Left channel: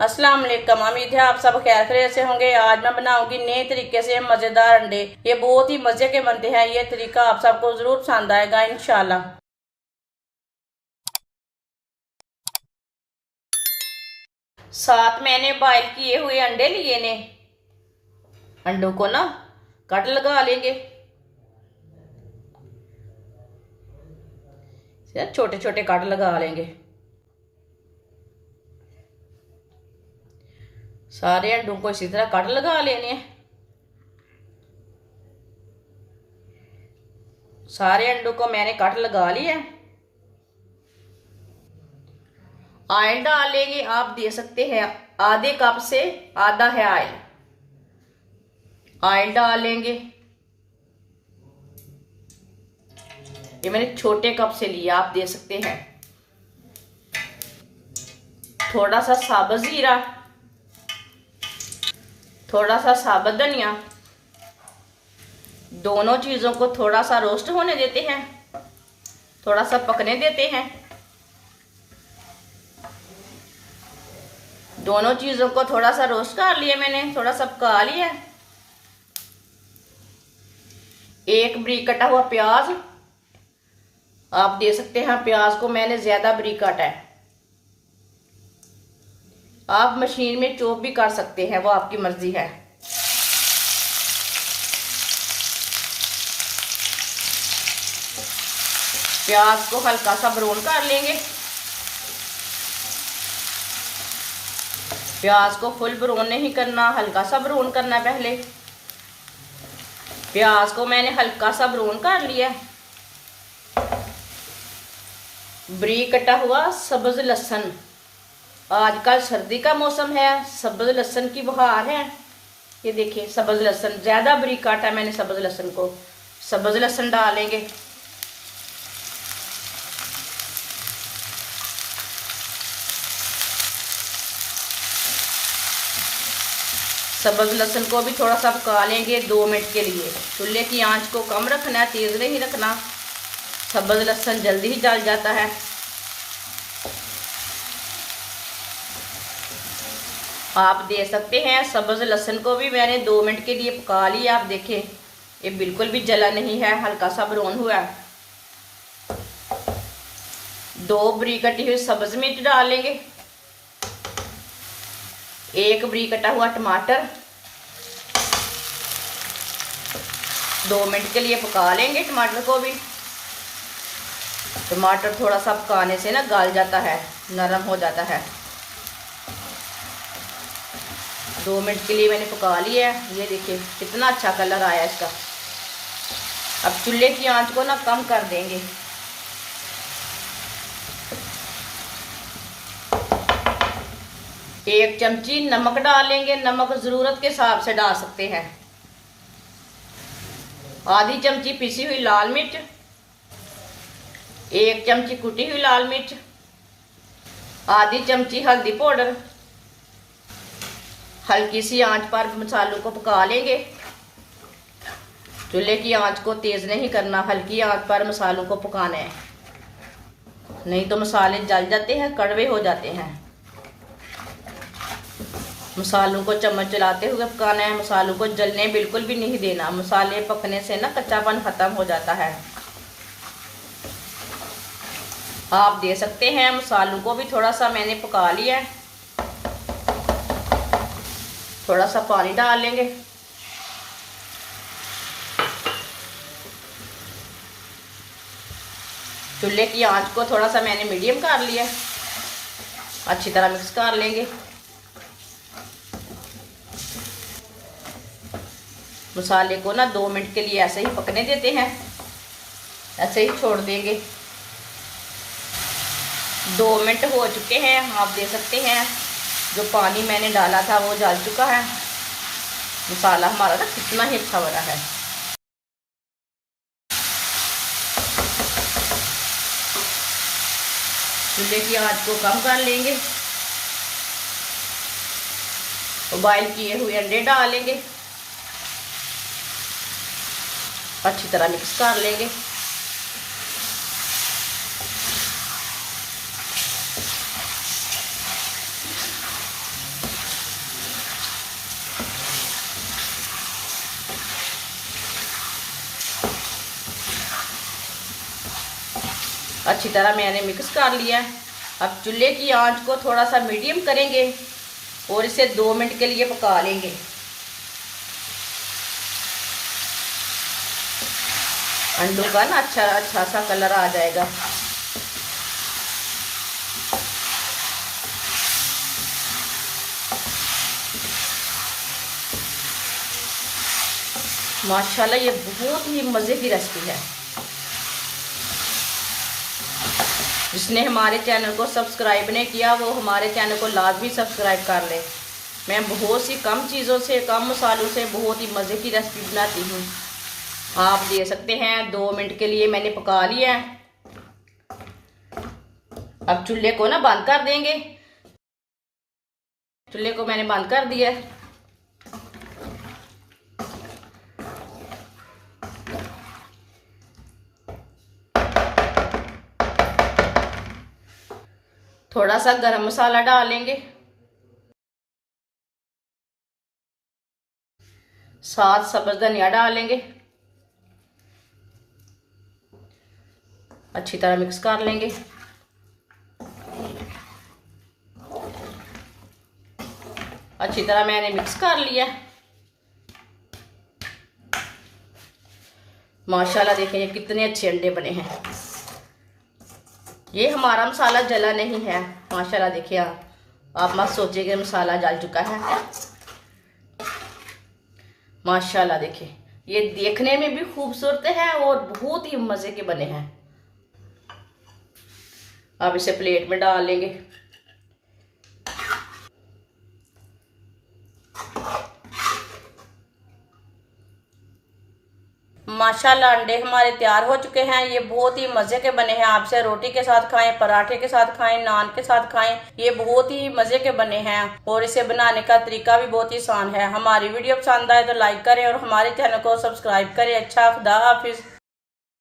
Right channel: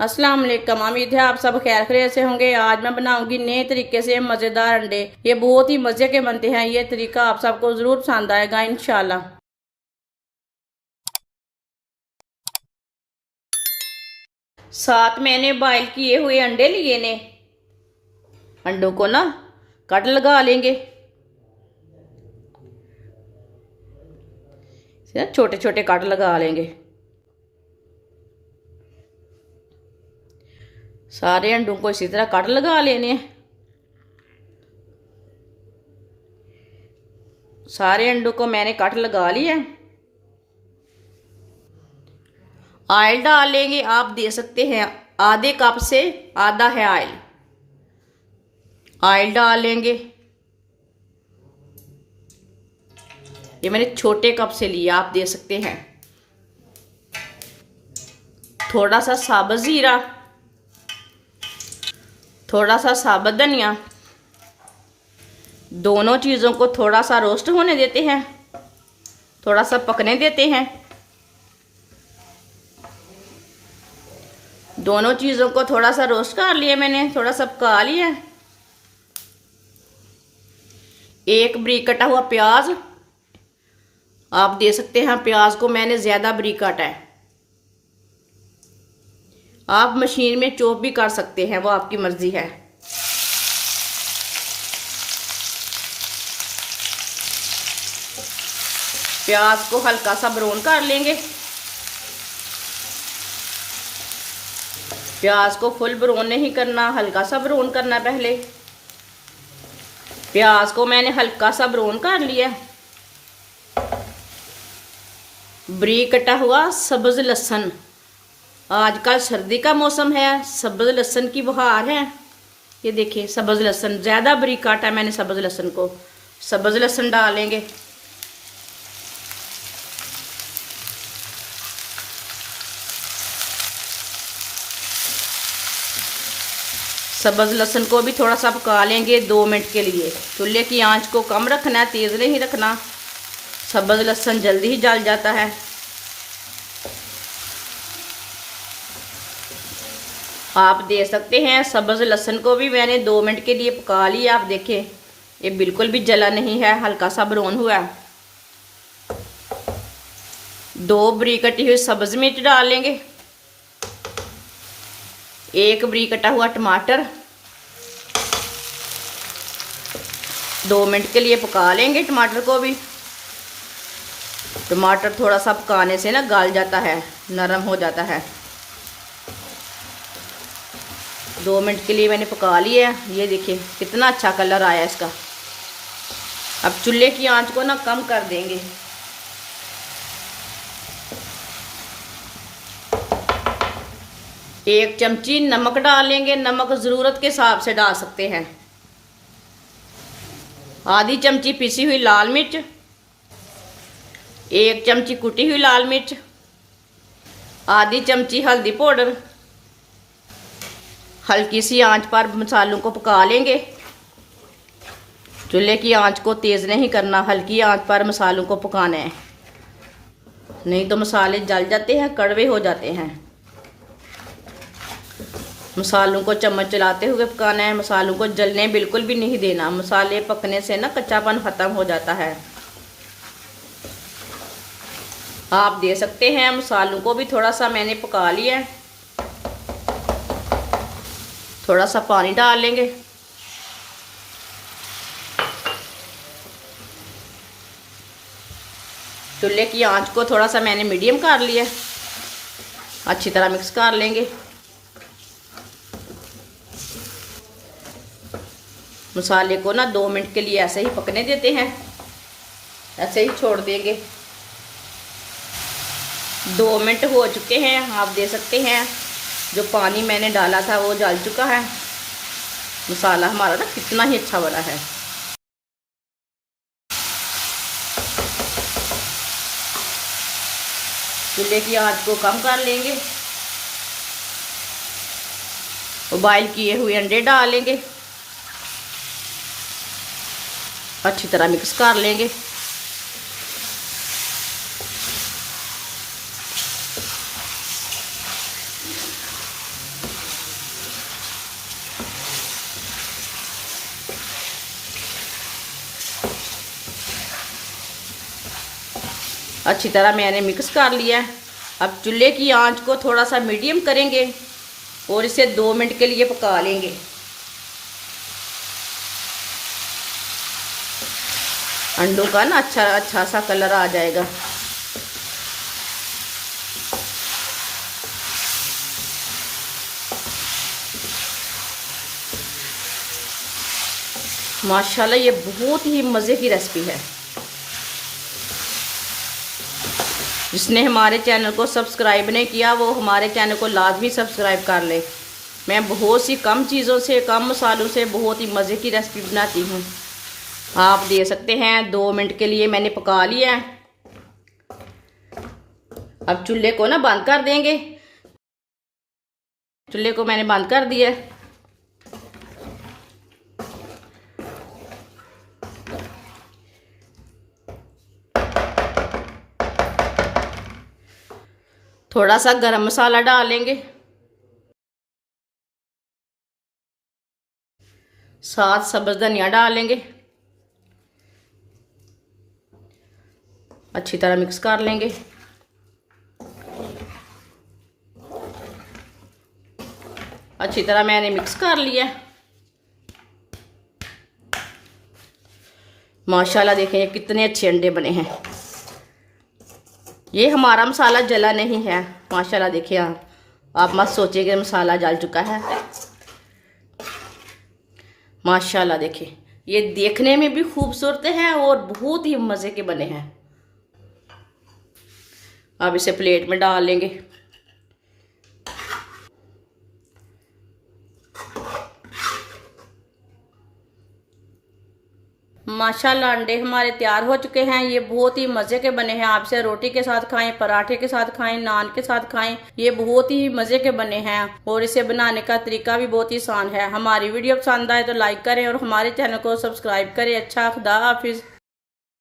अस्सलाम वालेकुम। उम्मीद है आप सब खैर खैरियत से होंगे। आज मैं बनाऊंगी नए तरीके से मज़ेदार अंडे। ये बहुत ही मज़े के बनते हैं। ये तरीका आप सबको ज़रूर पसंद आएगा इंशाल्लाह। साथ मैंने बॉयल किए हुए अंडे लिए ने। अंडों को ना कट लगा लेंगे, छोटे छोटे कट लगा लेंगे। सारे अंडों को इसी तरह कट लगा लेने हैं। सारे अंडों को मैंने कट लगा लिया। ऑयल डाल लेंगे। आप दे सकते हैं आधे कप से आधा है ऑयल। ऑयल डाल लेंगे। ये मैंने छोटे कप से लिया, आप दे सकते हैं। थोड़ा सा साबुत जीरा, थोड़ा सा साबुत धनिया, दोनों चीज़ों को थोड़ा सा रोस्ट होने देते हैं, थोड़ा सा पकने देते हैं। दोनों चीज़ों को थोड़ा सा रोस्ट कर लिया मैंने, थोड़ा सा पका लिया। एक बारीक कटा हुआ प्याज आप दे सकते हैं। प्याज को मैंने ज़्यादा बारीक काटा है। आप मशीन में चॉप भी कर सकते हैं, वो आपकी मर्जी है। प्याज को हल्का सा ब्राउन कर लेंगे। प्याज को फुल ब्राउन नहीं करना, हल्का सा ब्राउन करना पहले। प्याज को मैंने हल्का सा ब्राउन कर लिया। बारीक कटा हुआ सब्ज लहसुन, आजकल सर्दी का मौसम है, सब्ज लहसुन की बहार है। ये देखिए सब्ज लहसुन, ज़्यादा बारीक काटा मैंने सब्ज लहसुन को। सब्ज लहसुन डालेंगे। सब्ज लहसुन को भी थोड़ा सा पका लेंगे 2 मिनट के लिए। चूल्हे की आंच को कम रखना है, तेज़ नहीं रखना। सब्ज लहसुन जल्दी ही जल जाता है। आप दे सकते हैं सब्ज लहसुन को भी मैंने 2 मिनट के लिए पका लिया। आप देखें ये बिल्कुल भी जला नहीं है, हल्का सा ब्राउन हुआ है। 2 बारीक कटी हुई सब्ज मिर्च डालेंगे। 1 बारीक कटा हुआ टमाटर। 2 मिनट के लिए पका लेंगे टमाटर को भी। टमाटर थोड़ा सा पकाने से ना गल जाता है, नरम हो जाता है। 2 मिनट के लिए मैंने पका लिया है। ये देखिए कितना अच्छा कलर आया इसका। अब चूल्हे की आंच को ना कम कर देंगे। एक चमची नमक डालेंगे। नमक ज़रूरत के हिसाब से डाल सकते हैं। आधी चमची पिसी हुई लाल मिर्च, 1 चमची कुटी हुई लाल मिर्च, आधी चमची हल्दी पाउडर। हल्की सी आंच पर मसालों को पका लेंगे। चूल्हे की आंच को तेज़ नहीं करना, हल्की आंच पर मसालों को पकाना है, नहीं तो मसाले जल जाते हैं, कड़वे हो जाते हैं। मसालों को चम्मच चलाते हुए पकाना है। मसालों को जलने बिल्कुल भी नहीं देना। मसाले पकने से ना कच्चापन ख़त्म हो जाता है। आप दे सकते हैं मसालों को भी थोड़ा सा मैंने पका लिया है। थोड़ा सा पानी डाल लेंगे। चूल्हे की आंच को थोड़ा सा मैंने मीडियम कर लिया। अच्छी तरह मिक्स कर लेंगे। मसाले को ना 2 मिनट के लिए ऐसे ही पकने देते हैं, ऐसे ही छोड़ देंगे। 2 मिनट हो चुके हैं। आप दे सकते हैं जो पानी मैंने डाला था वो जल चुका है। मसाला हमारा ना कितना ही अच्छा बना है। चूल्हे की आंच को कम कर लेंगे। बॉयल किए हुए अंडे डालेंगे। अच्छी तरह मिक्स कर लेंगे। अच्छी तरह मैंने मिक्स कर लिया है। अब चूल्हे की आंच को थोड़ा सा मीडियम करेंगे और इसे 2 मिनट के लिए पका लेंगे। अंडों का ना अच्छा सा कलर आ जाएगा। माशाल्लाह ये बहुत ही मज़े की रेसिपी है। जिसने हमारे चैनल को सब्सक्राइब नहीं किया वो हमारे चैनल को लाजमी सब्सक्राइब कर ले। मैं बहुत सी कम चीज़ों से, कम मसालों से बहुत ही मज़े की रेसिपी बनाती हूँ। आप दे सकते हैं। 2 मिनट के लिए मैंने पका लिया है। अब चूल्हे को ना बंद कर देंगे। चूल्हे को मैंने बंद कर दिया है। थोड़ा सा गरम मसाला डालेंगे, साथ सब्ज़ धनिया डालेंगे। अच्छी तरह मिक्स कर लेंगे। अच्छी तरह मैंने मिक्स कर लिया। माशाल्लाह देखें ये कितने अच्छे अंडे बने हैं। ये हमारा मसाला जला नहीं है। माशाल्लाह देखिए, आप मत सोचिए कि मसाला जल चुका है। माशाल्लाह देखिए ये देखने में भी खूबसूरत है और बहुत ही मज़े के बने हैं। अब इसे प्लेट में डाल लेंगे। माशाल्लाह अंडे हमारे तैयार हो चुके हैं। ये बहुत ही मज़े के बने हैं। आपसे रोटी के साथ खाएं, पराठे के साथ खाएं, नान के साथ खाएं। ये बहुत ही मज़े के बने हैं और इसे बनाने का तरीका भी बहुत ही आसान है। हमारी वीडियो पसंद आए तो लाइक करें और हमारे चैनल को सब्सक्राइब करें। अच्छा, खुदा हाफिज़।